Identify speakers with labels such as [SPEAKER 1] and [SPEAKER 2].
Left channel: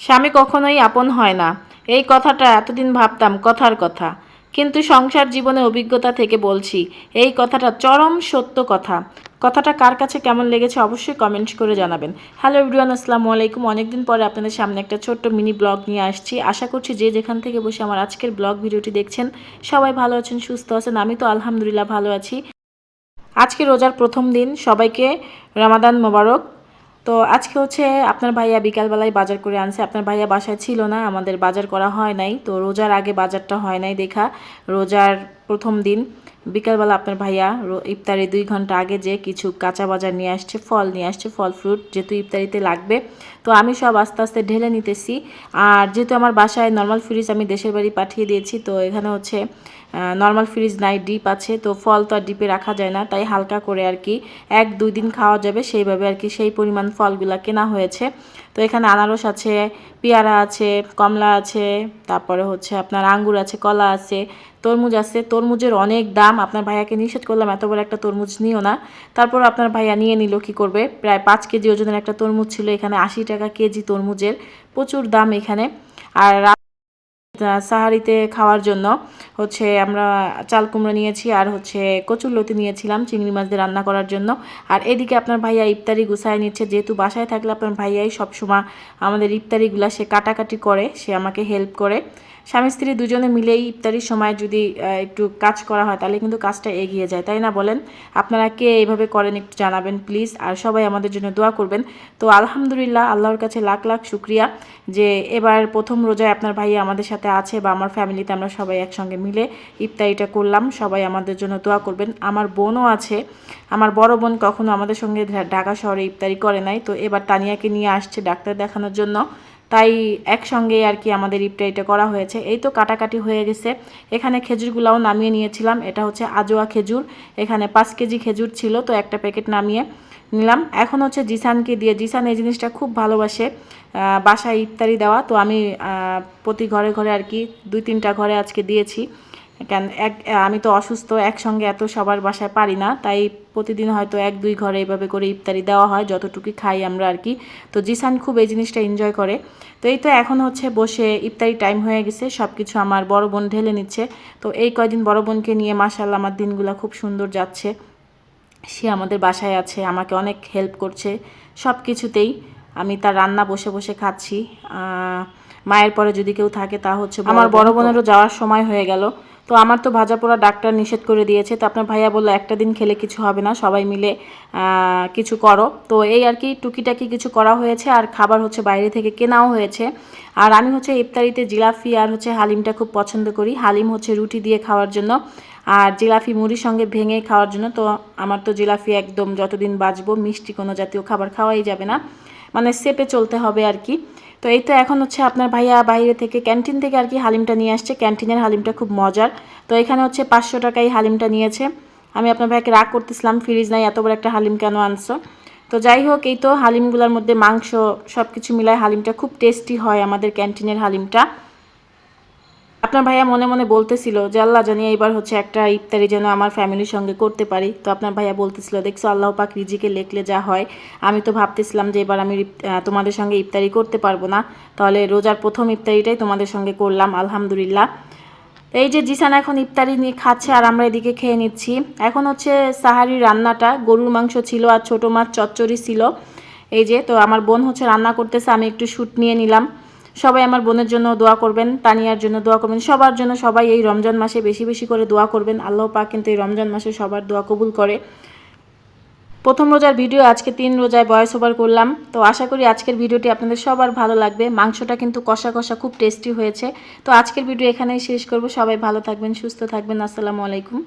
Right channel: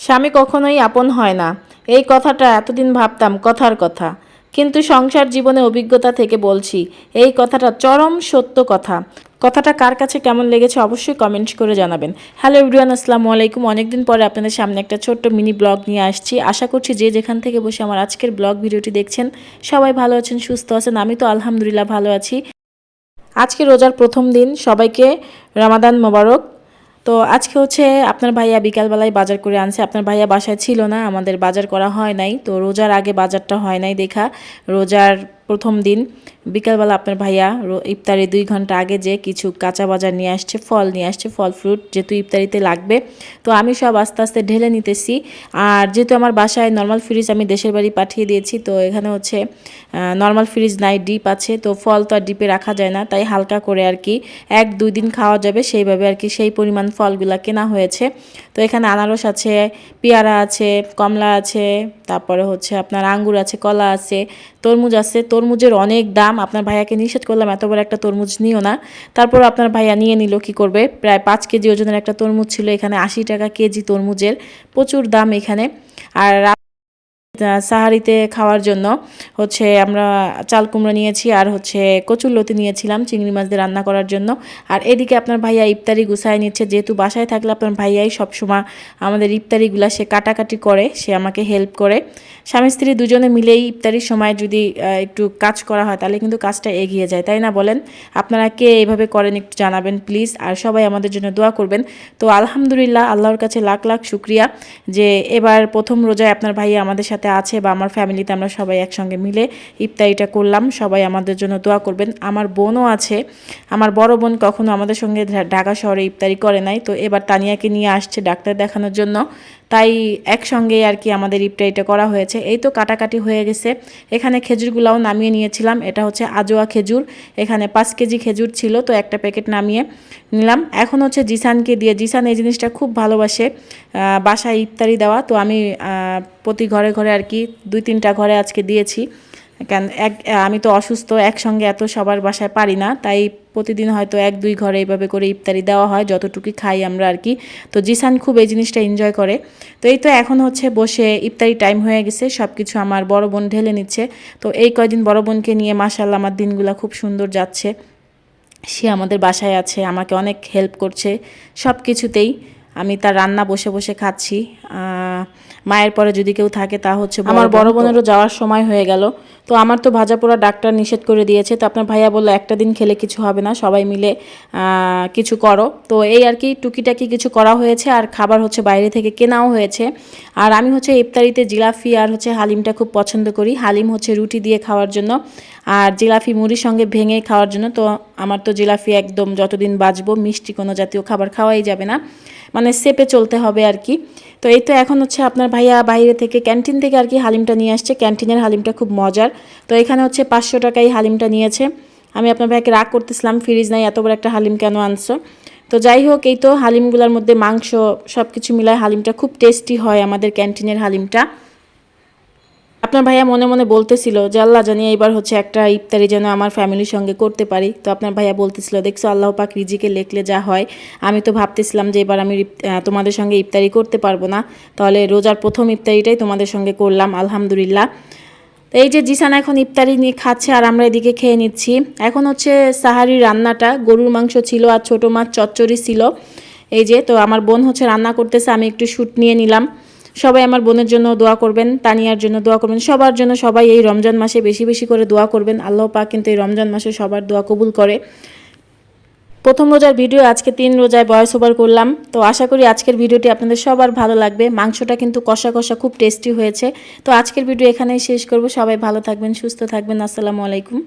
[SPEAKER 1] স্বামী কখনোই আপন হয় না। এই কথাটা এতদিন ভাবতাম, কথার কথা। কিন্তু সংসার জীবনে অভিজ্ঞতা থেকে বলছি, এই কথাটা চরম সত্য কথা। কথাটা কার কাছে কেমন লেগেছে অবশ্যই কমেন্ট করে জানাবেন। হ্যালো এভরিওয়ান আসসালামু আলাইকুম। অনেকদিন পরে আপনাদের সামনে একটা ছোট্ট মিনি ব্লগ নিয়ে আসছি। আশা করছি যে যেখান থেকে বসে আমার আজকের ব্লগ ভিডিওটি দেখছেন, সবাই ভালো আছেন, সুস্থ আছেন, আমি তো আলহামদুলিল্লাহ ভালো আছি। আজকে রোজার প্রথম দিন, সবাইকে রামাদান মোবারক। তো আজকে হচ্ছে আপনার ভাইয়া বিকালবেলায় বাজার করে আনছে। আপনার ভাইয়া বাসায় ছিল না, আমাদের বাজার করা হয় নাই। তো রোজার আগে বাজারটা হয় নাই দেখা। রোজার প্রথম দিন, বিকালবেলা আপনার ভাইয়া ইফতারি দুই ঘণ্টা আগে যে কিছু কাঁচা বাজার নিয়ে আসছে, ফল নিয়ে আসছে, ফল ফ্রুট যেহেতু ইফতারিতে লাগবে। তো আমি সব আস্তে আস্তে ঢেলে নিতেছি। আর যেহেতু আমার বাসায় নর্মাল ফ্রিজ আমি দেশের বাড়ি পাঠিয়ে দিয়েছি, তো এখানে হচ্ছে নর্মাল ফ্রিজ নাই, ডিপ আছে। তো ফল তো আর ডিপে রাখা যায় না, তাই হালকা করে আর কি এক, দুই দিন খাওয়া যাবে। সেইভাবে আর কি সেই পরিমাণ ফলগুলা কেনা হয়েছে। তো এখানে আনারস আছে, পেয়ারা আছে, কমলা আছে, তারপরে হচ্ছে আপনার আঙ্গুর আছে, কলা আছে। তরমুজ আছে। তরমুজের অনেক দাম। আপনার ভাইয়াকে নিষেধ করলাম, এত বড় একটা তরমুজ নিও না। তারপর আপনার ভাইয়া নিয়ে নিল, কি করবে? প্রায় পাঁচ কেজি ওজনের একটা তরমুজ ছিল, এখানে আশি টাকা কেজি তরমুজের। প্রচুর দাম এখানে। আর সাহারিতে খাওয়ার জন্য হচ্ছে আমরা চাল কুমড়ো নিয়েছি আর হচ্ছে কচুর লতি নিয়েছিলাম, চিংড়ি মাছ দিয়ে রান্না করার জন্য। আর এদিকে আপনার ভাইয়া ইফতারি গুছায় নিচ্ছে, যেহেতু বাসায় থাকলে আপনার ভাইয়াই সবসময় আমাদের ইফতারিগুলা সে কাটাকাটি করে, সে আমাকে হেল্প করে। স্বামী স্ত্রী দুজনে মিলেই ইফতারির সময় যদি একটু কাজ করা হয়, তাহলে কিন্তু কাজটা এগিয়ে যায়, তাই না বলেন? আপনারা কে এইভাবে করেন একটু জানাবেন প্লিজ আর সবাই আমাদের জন্য দোয়া করবেন। তো আলহামদুলিল্লাহ, আল্লাহর কাছে লাখ লাখ শুক্রিয়া যে এবার প্রথম রোজায় আপনার ভাইয়া আমাদের সাথে আছে বা আমার ফ্যামিলিতে আমরা সবাই একসঙ্গে মিলে ইফতারিটা করলাম, সবাই আমাদের জন্য দোয়া করবেন। আমার বোনও আছে, আমার বড় বোন কখনো আমাদের সঙ্গে ঢাকা শহরে ইফতারি করে নাই, তো এবার তানিয়াকে নিয়ে আসছে ডাক্তার দেখানোর জন্য। তাই একসঙ্গে আর কি আমাদের ইফতারিটা করা হয়েছে। এই তো কাটাকাটি হয়ে গেছে। এখানে খেজুরগুলাও নামিয়ে নিয়েছিলাম। এটা হচ্ছে আজোয়া খেজুর। এখানে পাঁচ কেজি খেজুর ছিল, তো একটা প্যাকেট নামিয়ে নিলাম। এখন হচ্ছে জিসানকে দিয়ে, জিসান এই জিনিসটা খুব ভালোবাসে বাসায় ইফতারি দেওয়া। তো আমি প্রতি ঘরে ঘরে আর কি দুই তিনটা ঘরে আজকে দিয়েছি। কেন এক আমি তো অসুস্থ একসঙ্গে এত সবার বাসায় পারি না তাই প্রতিদিন হয়তো এক দুই ঘরে এইভাবে করে ইফতারি দেওয়া হয় যতটুকু খাই আমরা আর কি। তো জিসান খুব এই জিনিসটা এনজয় করে। তো এই তো এখন হচ্ছে বসে ইফতারি টাইম হয়ে গেছে সব কিছু আমার বড় বোন ঢেলে নিচ্ছে। তো এই কয়দিন বড় বোনকে নিয়ে মাসাল্লাহ আমার দিনগুলো খুব সুন্দর যাচ্ছে। সে আমাদের বাসায় আছে আমাকে অনেক হেল্প করছে সব কিছুতেই আমি তার রান্না বসে বসে খাচ্ছি। মায়ের পরে যদি কেউ থাকে তা হচ্ছে আমার বড় বোনেরও যাওয়ার সময় হয়ে গেল। তো আমার তো ভাজা পোড়া ডাক্তার নিষেধ করে দিয়েছে। তো আপনার ভাইয়া বলল, একটা দিন খেলে কিছু হবে না, সবাই মিলে কিছু করো। তো এই আর কি টুকিটাকি কিছু করা হয়েছে, আর খাবার হচ্ছে বাইরে থেকে কেনাও হয়েছে। আর আমি হচ্ছে ইফতারিতে জিলাফি আর হচ্ছে হালিমটা খুব পছন্দ করি। হালিম হচ্ছে রুটি দিয়ে খাওয়ার জন্য, আর জিলাফি মুড়ির সঙ্গে ভেঙে খাওয়ার জন্য তো আমার তো জিলাফি একদম যতদিন বাঁচবো, মিষ্টি কোনো জাতীয় খাবার খাওয়াই যাবে না। মানে সেপে চলতে হবে আর কি। তো এই তো এখন হচ্ছে আপনার ভাইয়া বাইরে থেকে ক্যান্টিন থেকে আর কি হালিমটা নিয়ে আসছে। ক্যান্টিনের হালিমটা খুব মজার। তো এখানে হচ্ছে পাঁচশো টাকায় হালিমটা নিয়েছে। আমি আপনার ভাইকে রাগ করতেছিলাম, ফ্রিজ নাই, এত বড় একটা হালিম কেন আনছো? তো যাই হোক, এই তো হালিমগুলোর মধ্যে মাংস সব কিছু মিলায় হালিমটা খুব টেস্টি হয় আমাদের ক্যান্টিনের হালিমটা। আপনার ভাইয়া মনে মনে বলতেছিল যে, আল্লাহ জানি এইবার হচ্ছে একটা ইফতারি যেন আমার ফ্যামিলির সঙ্গে করতে পারি। তো আপনার ভাইয়া বলতেছিল, দেখছ, আল্লাহ পাক রিজিকে লেখলে যা হয়। আমি তো ভাবতেছিলাম যে, এবার আমি তোমাদের সঙ্গে ইফতারি করতে পারব না। তাহলে রোজার প্রথম ইফতারিটাই তোমাদের সঙ্গে করলাম, আলহামদুলিল্লাহ। তো এই যে জিসান এখন ইফতারি নিয়ে খাচ্ছে আর আমরা এদিকে খেয়ে নিচ্ছি। এখন হচ্ছে সাহারি রান্নাটা, গরুর মাংস ছিল আর ছোটো মাছ চচ্চড়ি ছিল। এই যে, তো আমার বোন হচ্ছে রান্না করতেছে, আমি একটু শ্যুট নিয়ে নিলাম। সবাই আমার বোনের জন্য দোয়া করবেন, তানিয়ার জন্য দোয়া করবেন, সবার জন্য সবাই এই রমজান মাসে বেশি বেশি করে দোয়া করবেন। আল্লাহ পাক কিন্তু এই রমজান মাসে সবার দোয়া কবুল করে। প্রথম রোজার ভিডিও আজকে তিন রোজায় বয়স ওভার করলাম। তো আশা করি আজকের ভিডিওটি আপনাদের সবার ভালো লাগবে। মাংসটা কিন্তু কষা কষা খুব টেস্টি হয়েছে। তো আজকের ভিডিও এখানেই শেষ করব। সবাই ভালো থাকবেন, সুস্থ থাকবেন। আসসালামু আলাইকুম।